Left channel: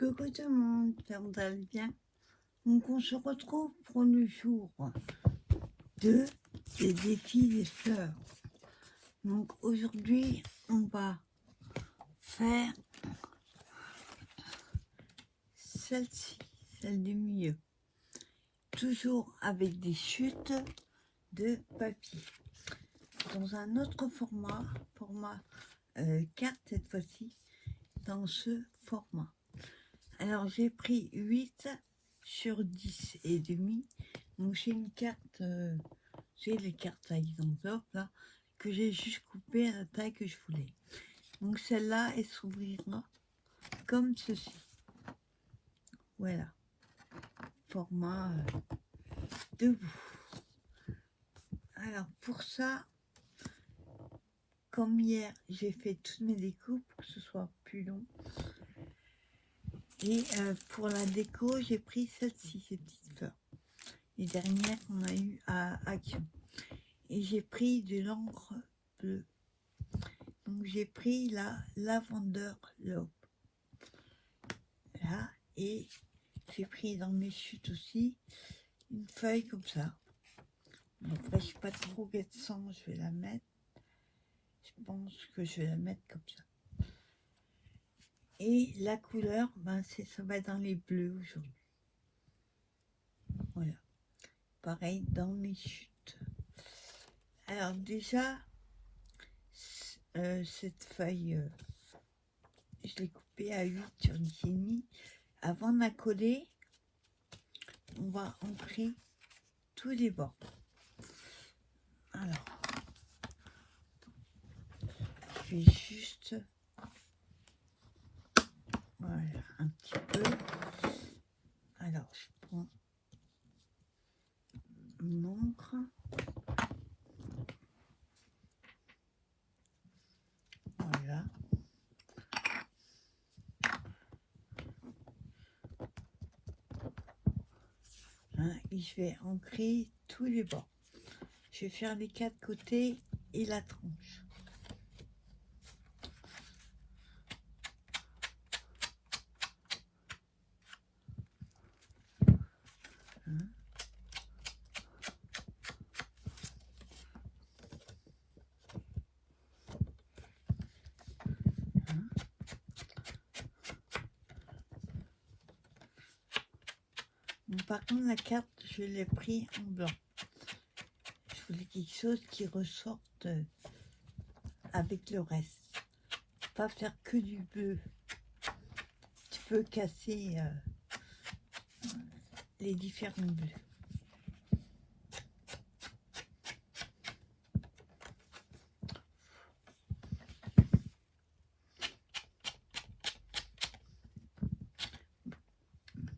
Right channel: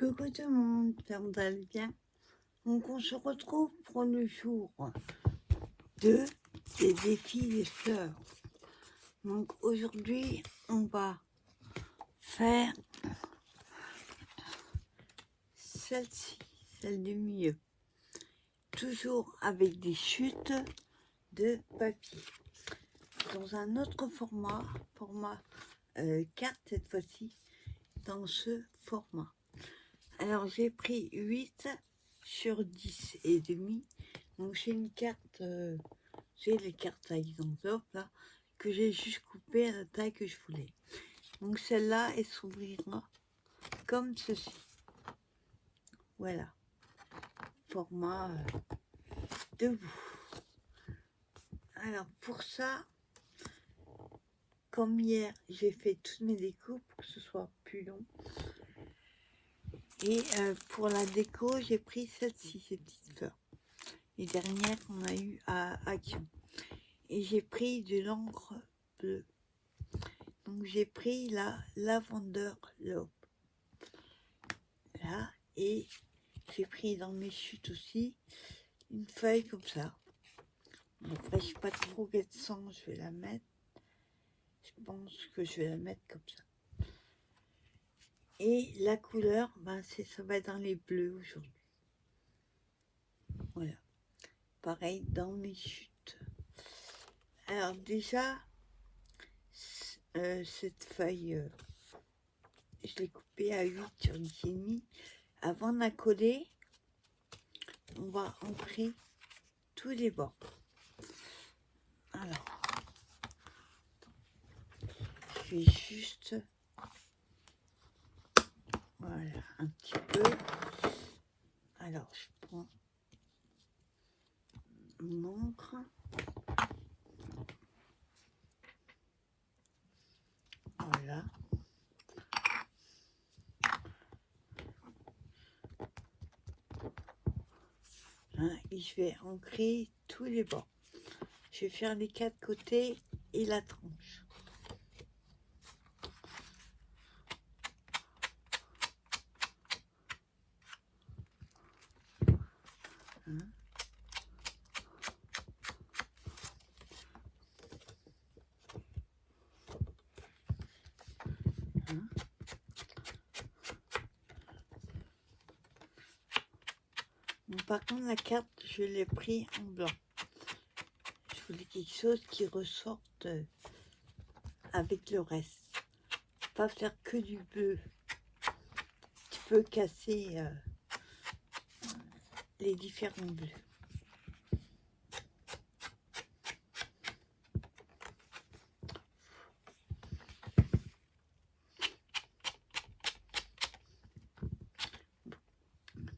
Coucou tout le monde, j'espère que vous allez bien. Donc on se retrouve pour le jour 2 des défis des fleurs. Donc aujourd'hui on va faire celle-ci, celle du milieu. Toujours avec des chutes de papier. Dans un autre format carte cette fois-ci, dans ce format. Alors j'ai pris 8 sur 10 et demi. Donc j'ai une carte, j'ai les cartes taille d'enveloppe là, que j'ai juste coupé à la taille que je voulais. Donc celle-là, elle s'ouvrira comme ceci. Voilà. Format debout. Alors pour ça, comme hier, j'ai fait toutes mes découpes pour que ce soit plus long. Et pour la déco, j'ai pris celle-ci, ces petites fleurs. Les dernières qu'on a eues à Action. Et j'ai pris de l'encre bleue. Donc j'ai pris la Lavender Love. Là, et j'ai pris dans mes chutes aussi une feuille comme ça. Après, je sais pas trop quel sens je vais la mettre. Je pense que je vais la mettre comme ça. Et la couleur, ben ça va dans les bleus aujourd'hui. Voilà. Pareil dans mes chutes. Alors déjà, cette feuille, je l'ai coupée à 8 sur 10,5. Avant de la coller, on va ancrer tous les bords. Alors, je vais juste, voilà, un petit peu. Alors, je prends une encre. Voilà. Hein, et je vais ancrer tous les bords. Je vais faire les 4 côtés et la tranche. Hein. Hein. Bon, par contre, la carte, je l'ai pris en blanc. Je voulais quelque chose qui ressorte avec le reste. Pas faire que du bleu. Tu peux casser les différents bleus.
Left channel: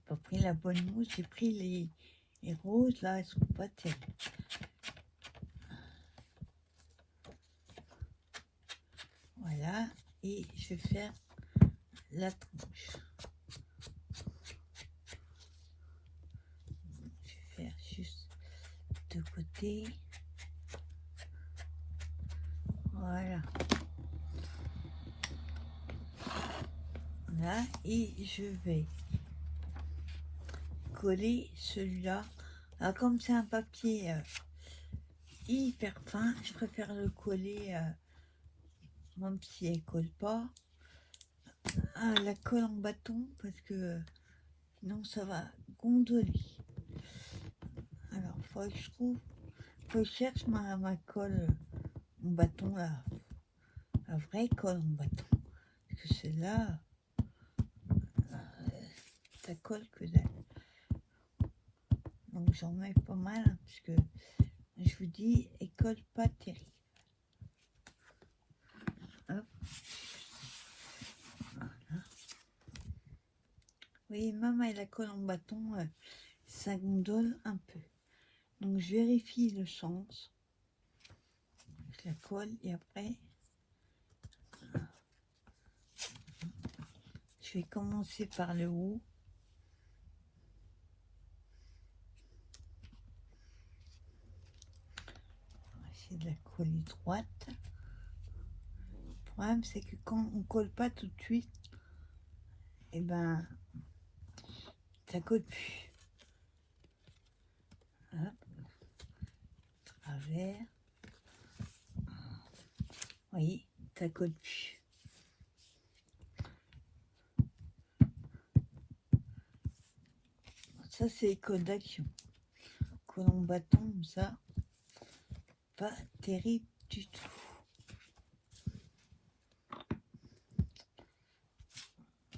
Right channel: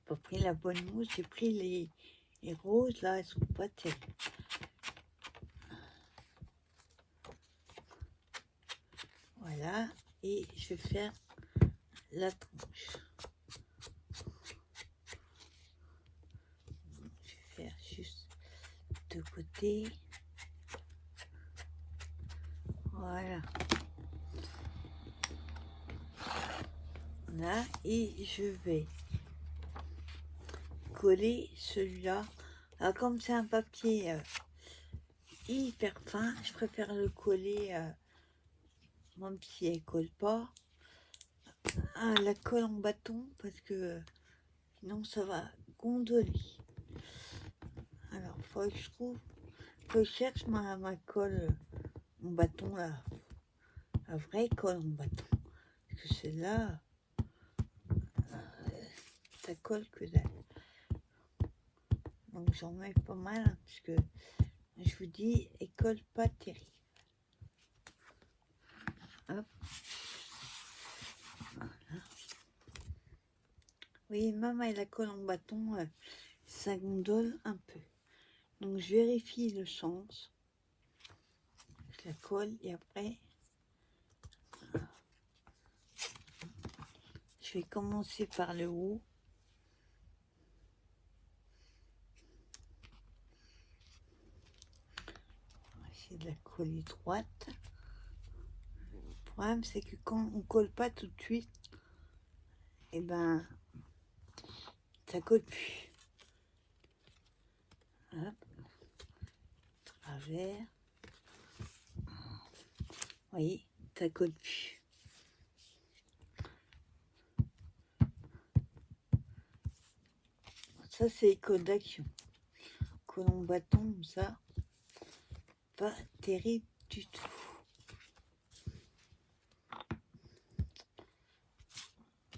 J'ai pris la bonne mousse, j'ai pris les roses là, elles sont pas terribles. Voilà, et je vais faire la tranche. Je vais faire juste de côté. Voilà. Là, et je vais coller celui-là. Alors comme c'est un papier hyper fin, je préfère le coller, même si elle colle pas, à la colle en bâton, parce que sinon ça va gondoler. Alors il faudrait que je trouve, que je cherche ma colle en bâton, la vraie colle en bâton, parce que celle-là, ça colle que dalle. Donc j'en mets pas mal, hein, puisque je vous dis, elle colle pas terrible. Hop. Voilà. Oui, même avec la colle en bâton, ça gondole un peu. Donc je vérifie le sens. Je la colle et après, je vais commencer par le haut. On va essayer de la coller droite. Le problème, c'est que quand on colle pas tout de suite, et ben ça colle plus. Hop, travers. Vous voyez, ça colle plus. Ça, c'est les codes d'action. Colon bâton, ça, pas terrible du tout.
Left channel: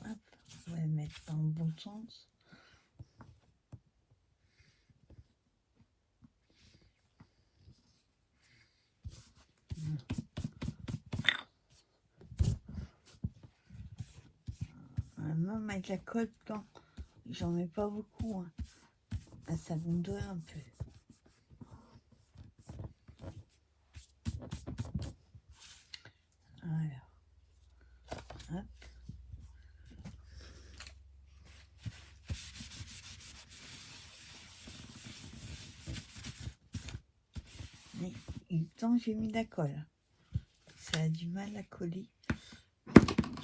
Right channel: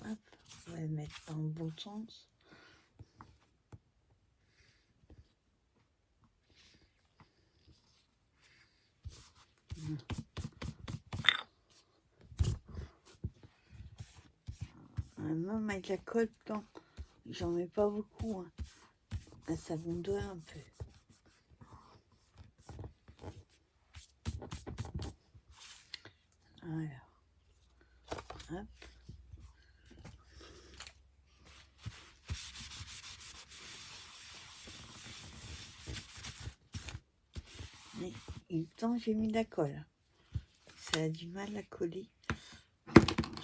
Hop, on va le mettre dans le bon sens. Même avec la colle, j'en mets pas beaucoup. Hein. Ça bondoie un peu. Voilà. Hop. Mais en même temps, j'ai mis de la colle. Ça a du mal à coller.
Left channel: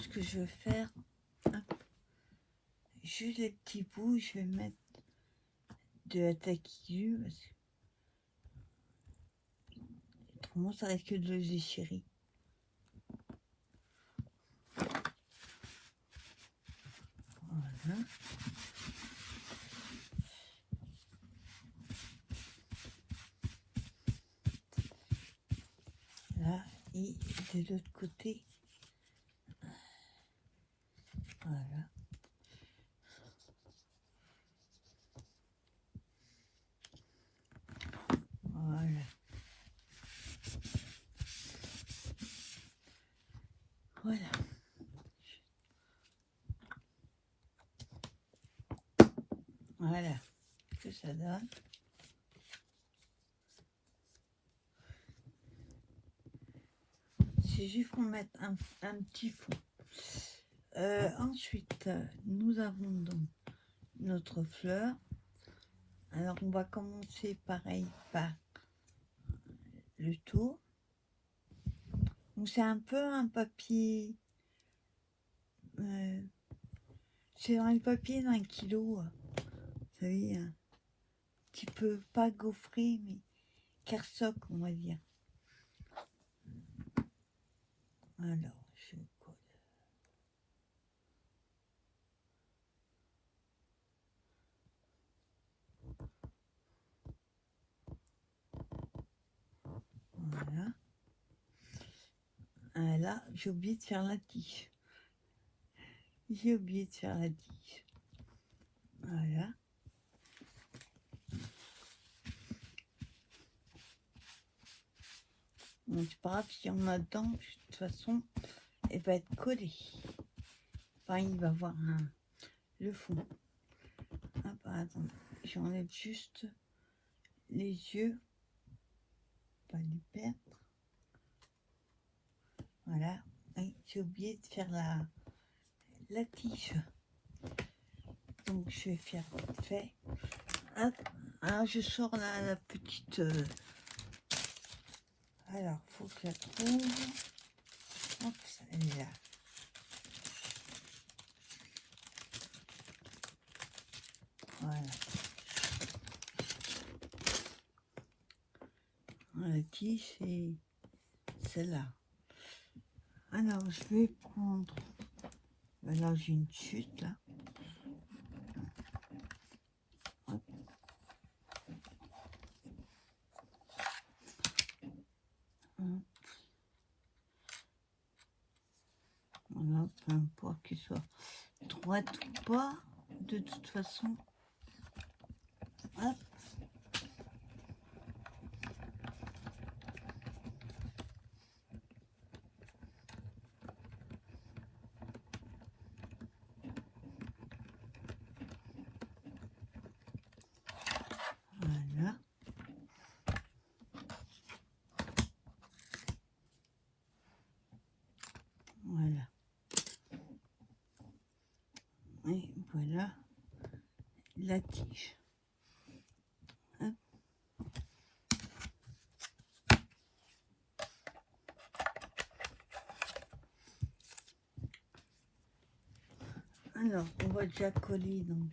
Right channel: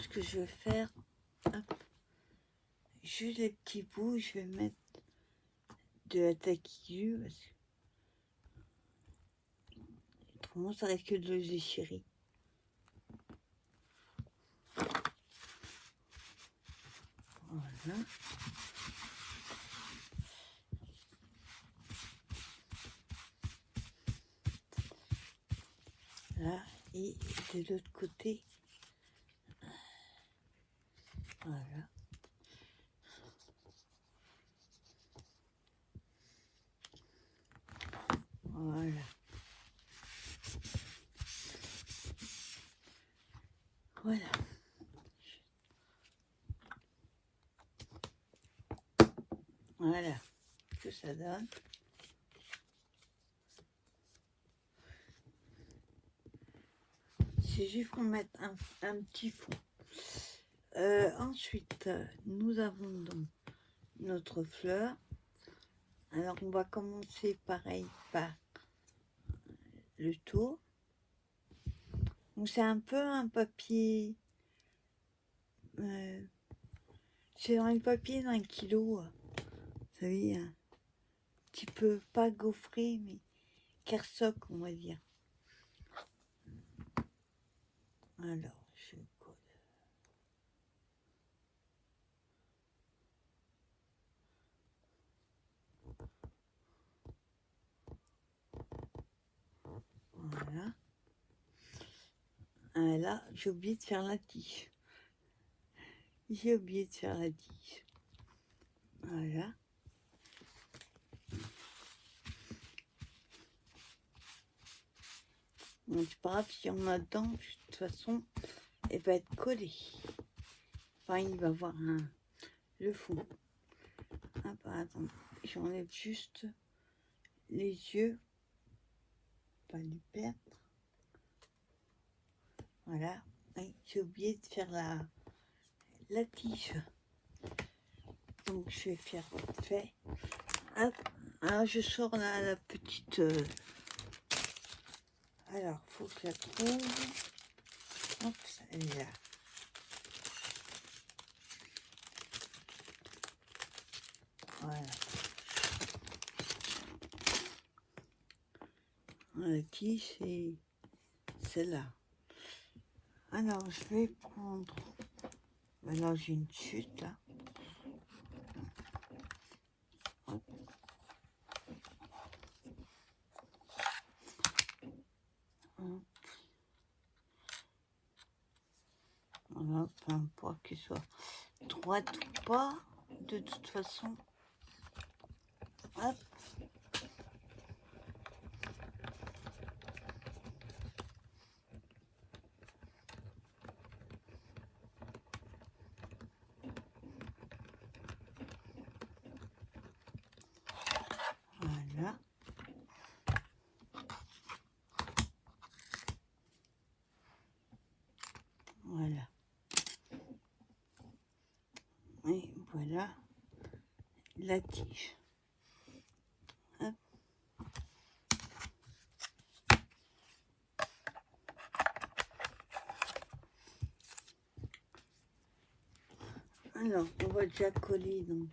Ce que je vais faire, hop, juste les petits bouts, je vais mettre de la taquille parce que autrement ça risque de le déchirer. Voilà. Là, et de l'autre côté, voilà. Voilà. Voilà. Voilà ce que ça donne. C'est juste qu'on mette un petit fond. Ensuite, nous avons donc notre fleur. Alors, on va commencer pareil par le tour. Donc, c'est un peu un papier. C'est un papier d'1 kilo. Vous savez, un petit peu pas gaufré, mais kersoc, on va dire. Alors, je colle. Voilà. Et là, j'ai oublié de faire la tige. J'ai oublié de faire la tige. Voilà. Donc, c'est pas grave si on a dedans, de toute façon, elle va être collée. Enfin, il va avoir le fond. Ah, bah, attends, j'enlève juste les yeux. Pas les perdre. Voilà. Oui, j'ai oublié de faire la tige. Donc, je vais faire vite fait. Hop. Ah, je sors la petite... Alors, faut que je la trouve. Hop, elle est là. Voilà. La tige, c'est celle-là. Alors, je vais prendre... Là, j'ai une chute, là. Hop. Hop. Voilà, peu importe qu'il soit droite ou pas, de toute façon. Hop. Voilà. Voilà. Et voilà la tige. Hop. Alors, on va déjà coller donc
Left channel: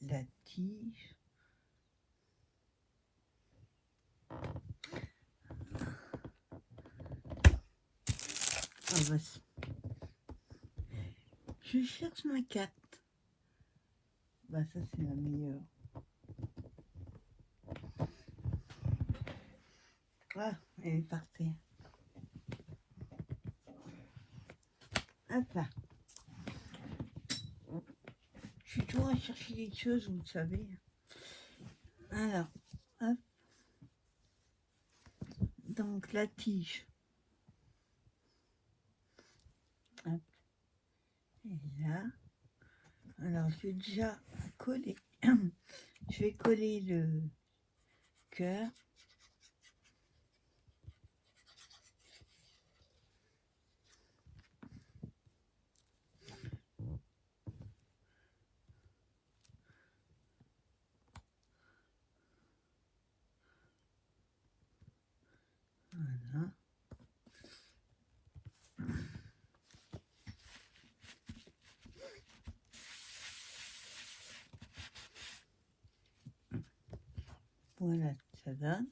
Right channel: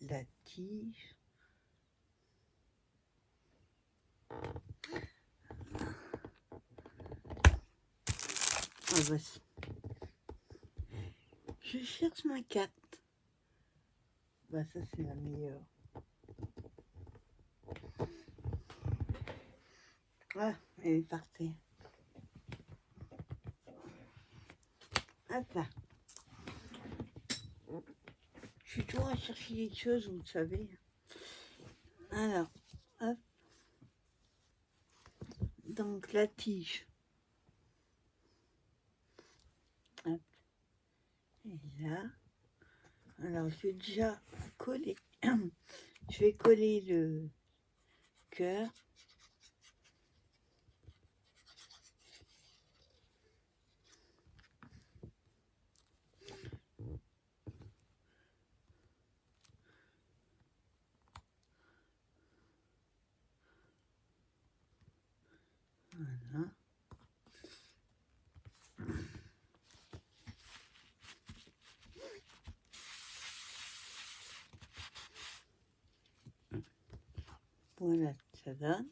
la tige. Je cherche ma carte. Bah ça c'est la meilleure. Ah, elle est par terre. Hop là. Je suis toujours à chercher des choses, vous savez. Alors, hop. Donc la tige. Hop. Et là. Alors je vais déjà coller. Je vais coller le cœur. Voilà. Voilà, ça donne.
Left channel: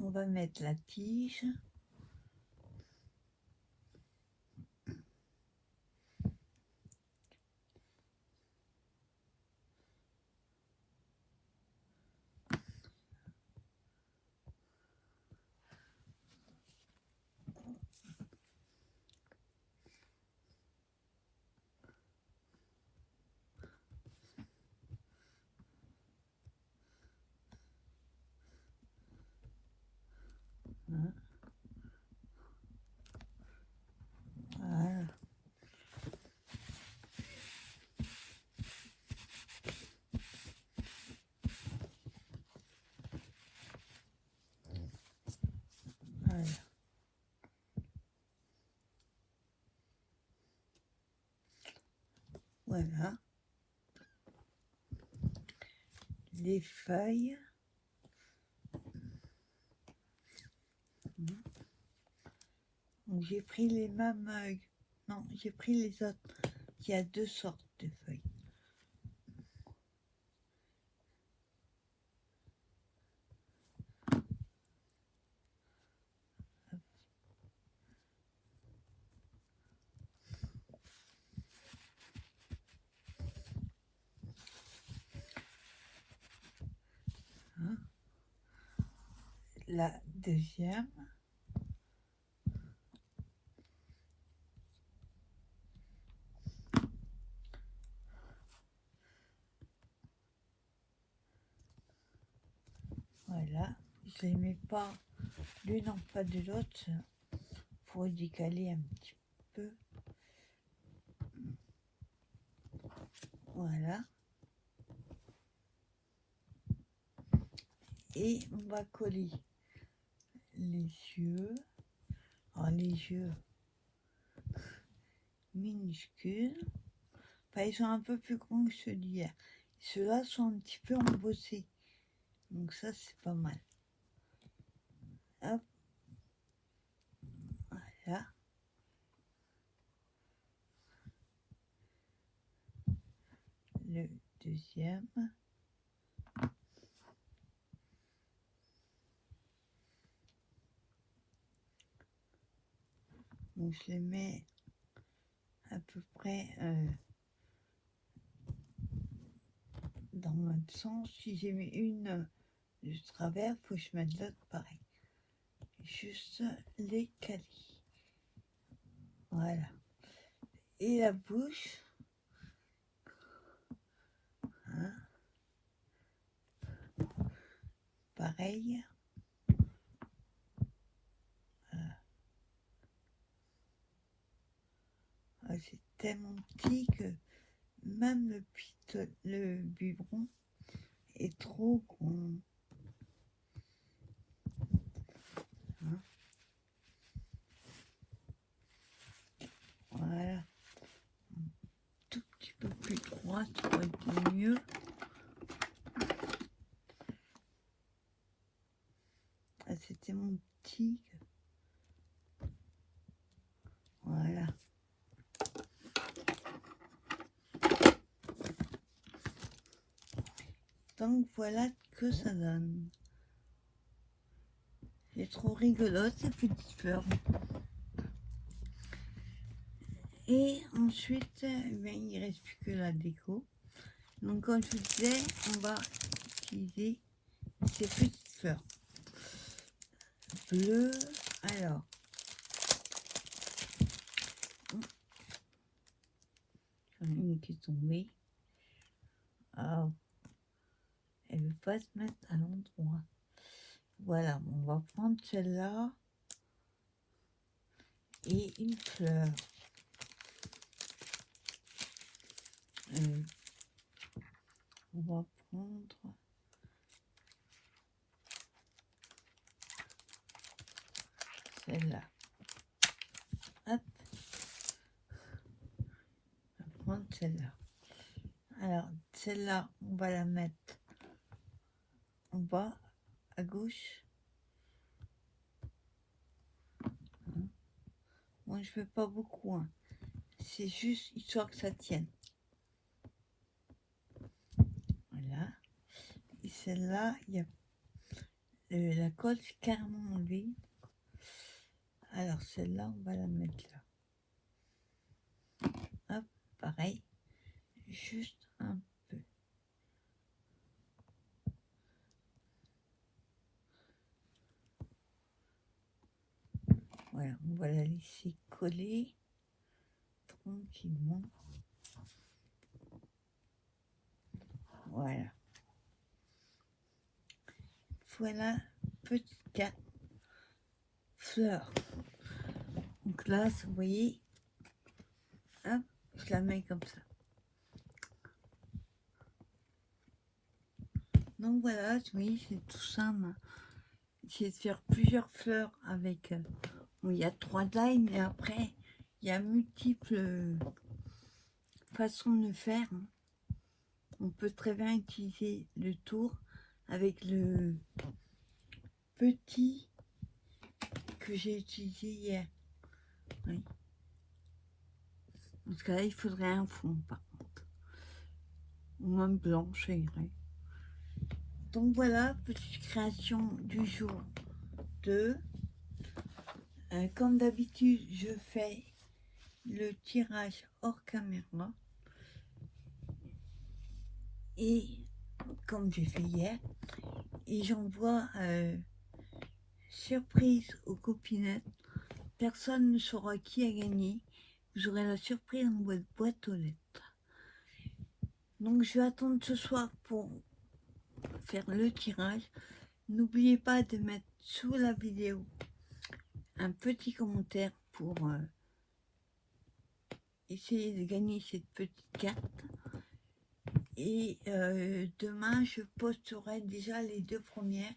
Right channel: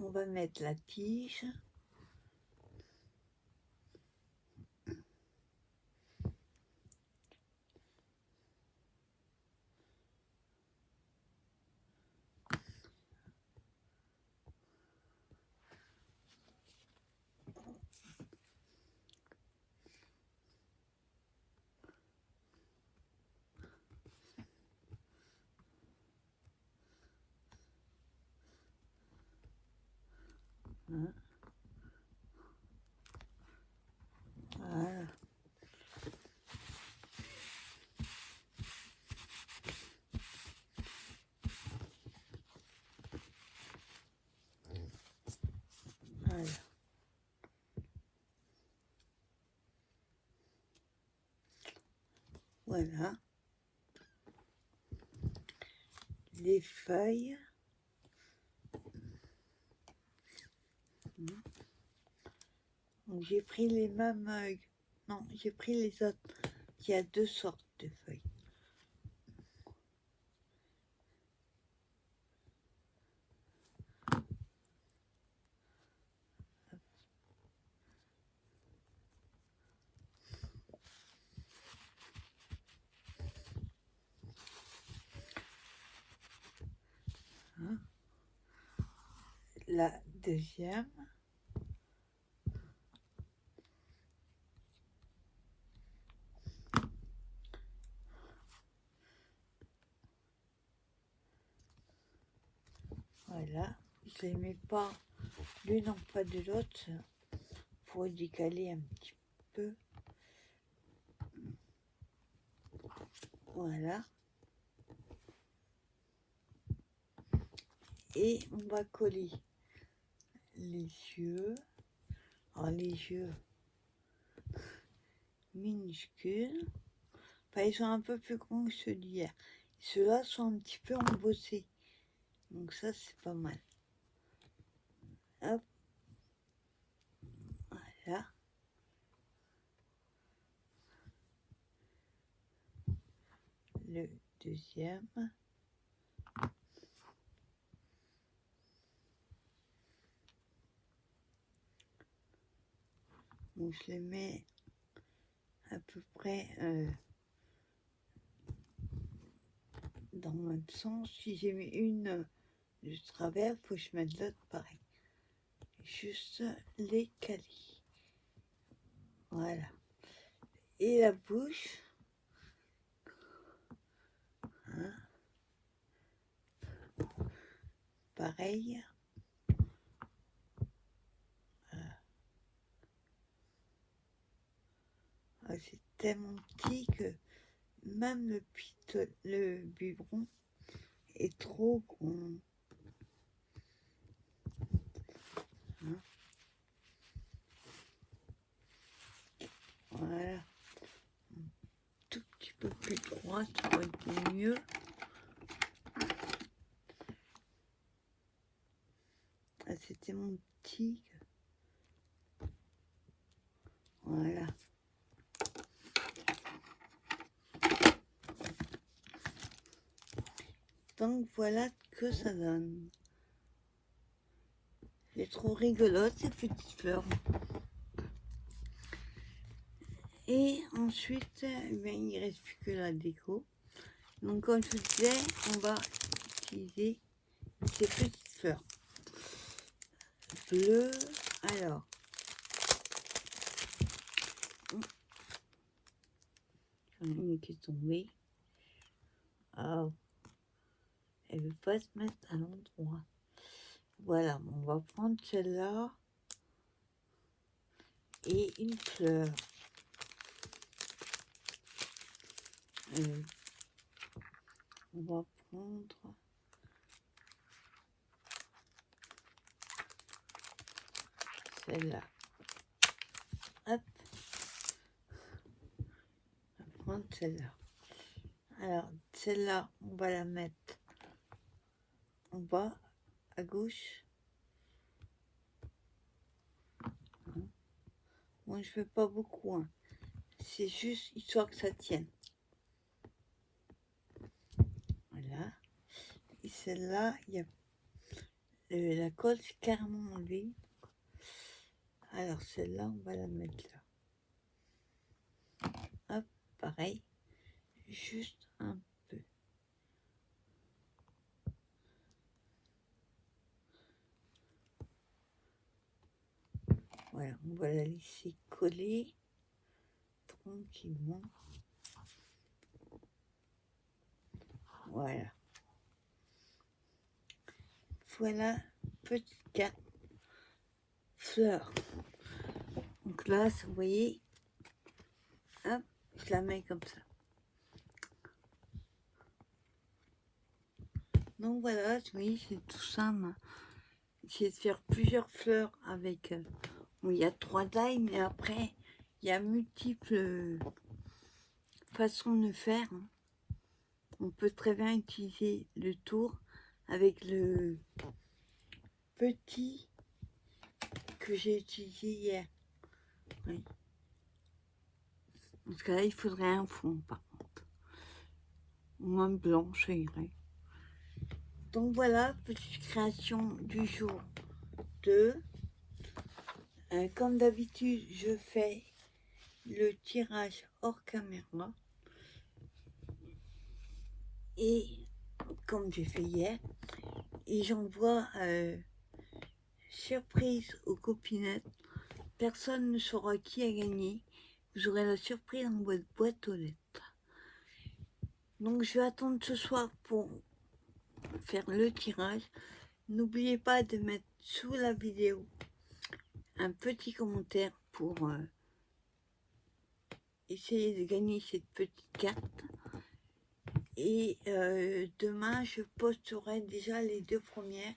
On va mettre la tige. Voilà. Voilà. Voilà. Les feuilles. Donc j'ai pris les mêmes. Non, j'ai pris les autres. Il y a deux sortes de feuilles. Hein. La deuxième. Voilà. Je les mets pas l'une en pas de l'autre. Faut décaler un petit peu. Voilà. Et on va coller les yeux. Alors les yeux minuscules. Enfin, ils sont un peu plus grands que ceux-là. Ceux-là sont un petit peu embossés. Donc ça, c'est pas mal. Hop. Voilà. Le deuxième. Donc je les mets à peu près dans le même sens. Si j'ai mis une de travers, il faut que je mette l'autre pareil. Juste les caler. Voilà. Et la bouche. Hein. Pareil. C'est tellement petit que même le biberon est trop grand. Hein. Voilà. Un tout petit peu plus droit, ça aurait été mieux. Ah, c'était mon tigre. Voilà. Donc voilà ce que ça donne. C'est trop rigolote ces petites fleurs. Et ensuite, il ne reste plus que la déco. Donc comme je vous disais, on va utiliser ces petites fleurs bleues. Alors, j'en ai une qui est tombée. Oh, elle ne veut pas se mettre à l'endroit. Voilà, on va prendre celle-là et une fleur. On va prendre celle-là. Hop. On va prendre celle-là. Alors, celle-là, on va la mettre en bas, à gauche. Moi, je veux pas beaucoup. Hein. C'est juste histoire que ça tienne. Voilà. Et celle-là, il y a la colle c'est carrément enlevée. Alors, celle-là, on va la mettre là. Hop, pareil. Juste un peu. Voilà, on va la laisser coller tranquillement. Voilà. Voilà, petite carte fleurs. Donc là, vous voyez, hop, je la mets comme ça. Donc voilà, vous voyez, c'est tout simple. J'ai de faire plusieurs fleurs avec... bon, il y a 3 tailles, mais après, il y a multiples façons de faire. On peut très bien utiliser le tour avec le petit que j'ai utilisé hier. Oui. Parce que là, il faudrait un fond, par contre. Ou même blanc, ça irait. Donc voilà, petite création du jour 2. Comme d'habitude, je fais le tirage hors caméra. Et comme j'ai fait hier, et j'envoie surprise aux copinettes. Personne ne saura qui a gagné. Vous aurez la surprise dans votre boîte aux lettres. Donc je vais attendre ce soir pour faire le tirage. N'oubliez pas de mettre sous la vidéo un petit commentaire pour essayer de gagner cette petite carte. Et demain, je posterai déjà les 2 premières.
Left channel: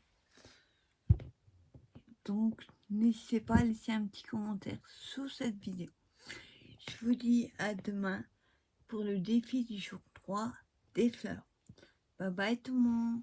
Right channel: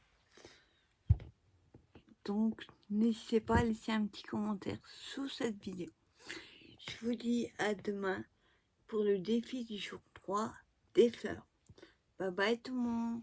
Donc, n'hésitez pas à laisser un petit commentaire sous cette vidéo. Je vous dis à demain pour le défi du jour 3 des fleurs. Bye bye tout le monde.